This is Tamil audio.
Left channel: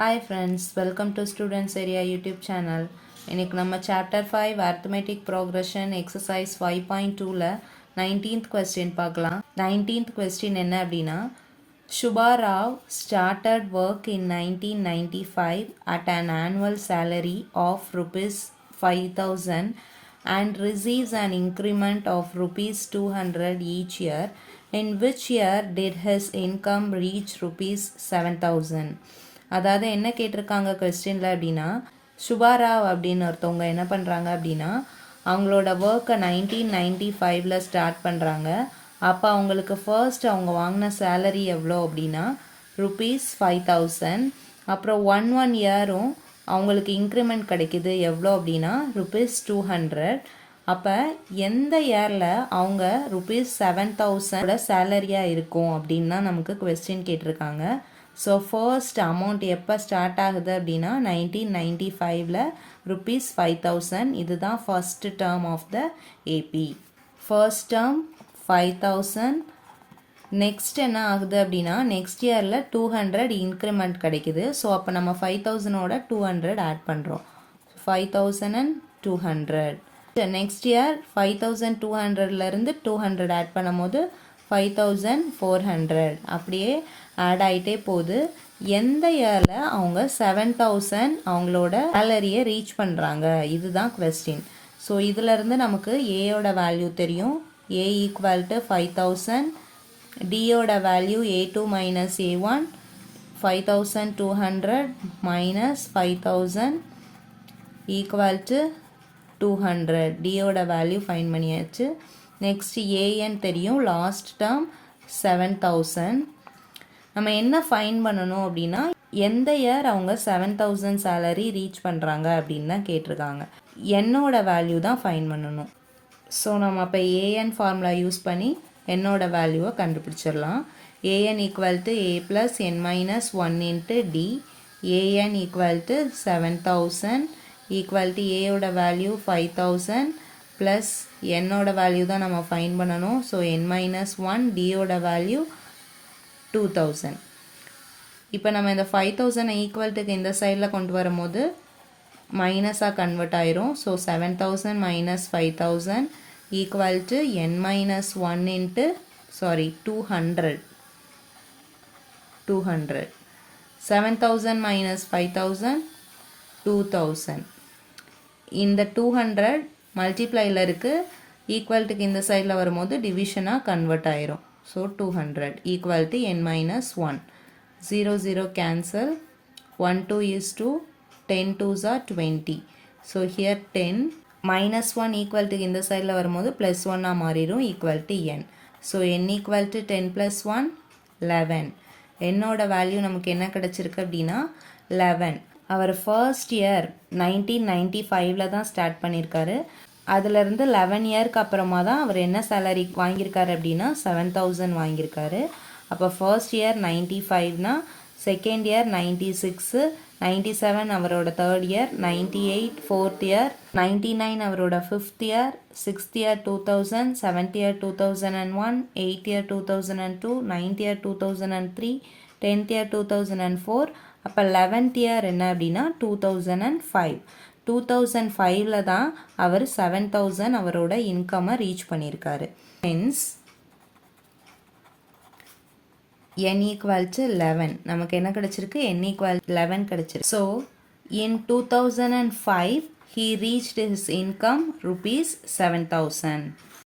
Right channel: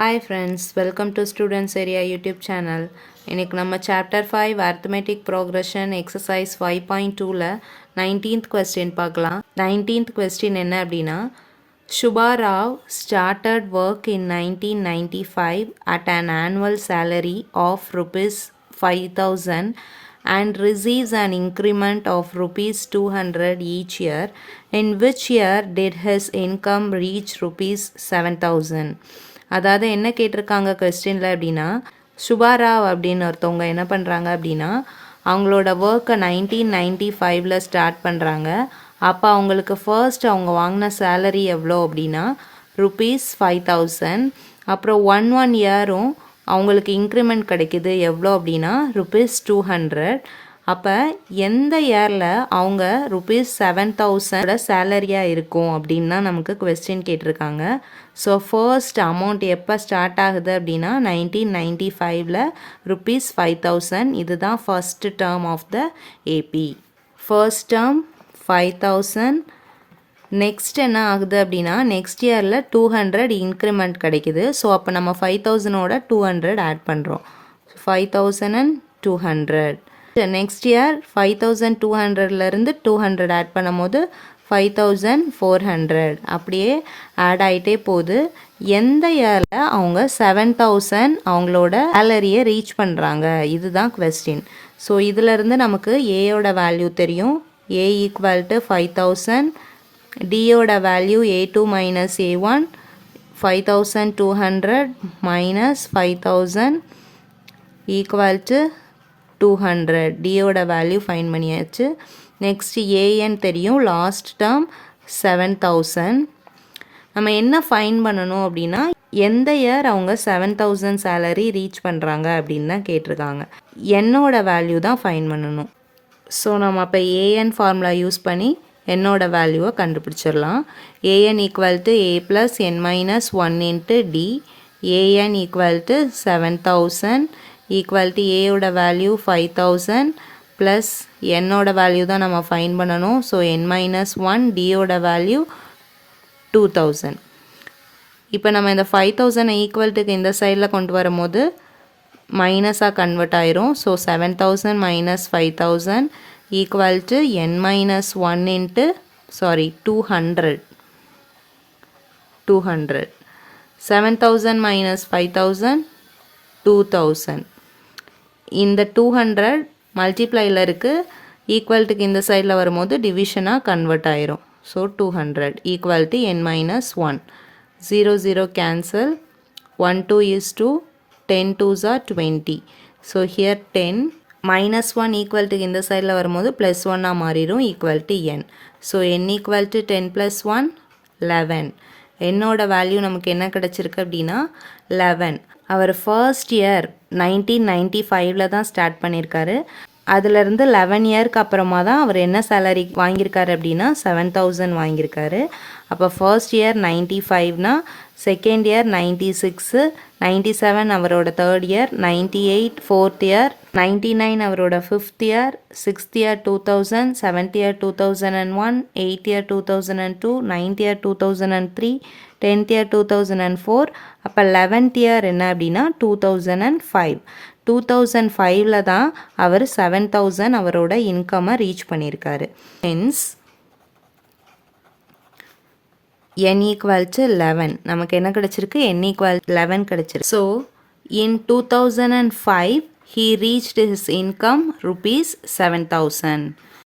Hi friends, welcome to Students Area YouTube channel. இன்னைக்கு நம்ம chapter 5 arithmetic progression exercise 5.2ல 19th question பார்க்கலாம். 19th question என்ன அப்படின்னா, Shubha Rao started work in 1995 at an annual salary of rupees 5,000 and receives an increment of rupees 200 each year. In which year did his income reach rupees 7,000? அதாவது என்ன கேட்டிருக்காங்க கொஸ்டினில் அப்படின்னா, சுபாராவ் அப்படின்னு ஒருத்தவங்க என்ன பண்ணுறாங்க அப்படின்னா, அவங்களோட ஒர்க்கை 1995ல் ஸ்டார்ட் பண்ணுறாங்க. அப்போ அவங்களுக்கு ஃபர்ஸ்ட் அவங்க வாங்கின சேலரி எவ்வளோ அப்படின்னா ருபீஸ் 5,000. அப்புறம் ஒன் இயரும் அவங்களுக்கு இன்க்ரிமெண்ட் கிடைக்கிது எவ்வளோ அப்படின்னா ருபீஸ் 200. அப்போ எந்த இயரில் அவங்க ருபீஸ் 7,000 சேலரியாக இருக்கும் அப்படின்னு தான் நமக்கு கொஸ்டின் கேட்டிருக்காங்க. ஸோ ஃபர்ஸ்ட் அமௌண்ட் எப்போ ஸ்டார்ட் ஆகுது அப்படின்னா 1995ல் ருபீஸ் 5,000. இதுதான் first term of the AP. First term 5,000. Next என்ன ஆகுது அப்படின்னா நெக்ஸ்ட் இயரில் 200 இன்க்ரிமெண்ட் கிடைக்குது. ஸோ அப்போ நம்ம 5,000ஓட 200 ஆட் பண்ணுறோம். 5,200. நெக்ஸ்ட் இயர் 5,200லேருந்து 200 ஆட் பண்ணும் போது 5,400 அப்படியே ஆட் ஆகிட்டே போகுது. எந்த இயரில் அவங்க 7,000 அவங்களோட சேலரியை ரீச் பண்ணுறாங்க, இதுதான் கொஸ்டின். ஸோ இதிலேருந்து நமக்கு ஏயோட வேல்யூ தெரியும். A equal to 5,000. டியோட value A2 minus A1. 5,200 minus 5,000 equal to 200. டியோட வேல்யூ ஃபைன் பண்ணியாச்சு. நெக்ஸ்ட் ஏஎன் தெரியும். Last term 7,000. நம்ம என்ன ஃபைன் பண்ணணும் அப்படின்னா எந்த இயர் அவங்க 7,000 சேலரி ரீச் பண்ணுறாங்க அப்படின்னு தான் கேட்டிருக்காங்க. என்னோட வேல்யூ தான் ஃபைன் பண்ணணும். ஸோ நம்ம அப்போ ஏஎன் ஃபார்முலா யூஸ் பண்ணி என்னோட வேல்யூவை கண்டுபிடிச்சிடலாம். A N equal to A plus N minus 1 into D. A N equal to 7,000 equal to ஏயோட வேல்யூ 5,000 ப்ளஸ் என்னோட வேல்யூ தான் நம்ம ஃபைன் பண்ணணும். ஸோ என் மைனஸ் 1, டியோட வேல்யூ 2,000. இப்போ நம்ம இந்த 5,000 ஈக்குவல்ட்டுக்கு இந்த சைடில் கொண்டு வரும்போது மைனஸாக கன்வெர்ட் ஆயிரும். So 7,000 minus 5,000 equal to n minus 1 into 200. 7,000 minus 5,000 2,000. இந்த 200 மல்டிப்ளையில் இருக்குது. ஈக்குவல்ட்டுக்கு இந்த சைடில் வரும்போது டிவிஷனாக கன்வெர்ட் ஆயிரும். So 200 equal to n minus 1. 0 cancel. 1 2 is 2. 10 2s are 20. So here 10 minus 1 ஈக்குவல்ட்டுக்கு இந்த சைடில் வரும்போது ப்ளஸ் 1ஆக மாறிடும் equal to n. So n equal to 10 plus 1 11. என்னோட வேல்யூ நமக்கு என்ன கிடச்சிருக்கு அப்படின்னா 11. அவர் ஃபர்ஸ்ட் இயர் 1995ல் தான் ஸ்டார்ட் பண்ணியிருக்காரு. அதுலேருந்து 11 இயருக்கு அப்புறமா தான் அவர் என்ன சேலரி வாங்கியிருக்காரு அப்படின்னா 7,000 வாங்கியிருக்காரு. அப்போ ஃபர்ஸ்ட் இயர் 95னா செகண்ட் இயர் 96, 97 அவரோட தேர்ட் இயர், 98 ஃபோர்த் இயர், 99 அவரோட fifth year, sixth year 2000, seventh year 2001, eighth year 2002, ninth year 2003, 10th year 2004. அப்போ 11th இயர் என்ன அப்படின்னா 2005. 2005ல் தான் அவர் 7,000 அவரோட இன்கம்மை ரீச் பண்ணியிருக்காரு. Hence n equal to 11. நமக்கு என்ன கிடைச்சிருக்கு? n equal 11 கிடைச்சிருக்கு. So, in 2005, he reached his income rupees 7,000.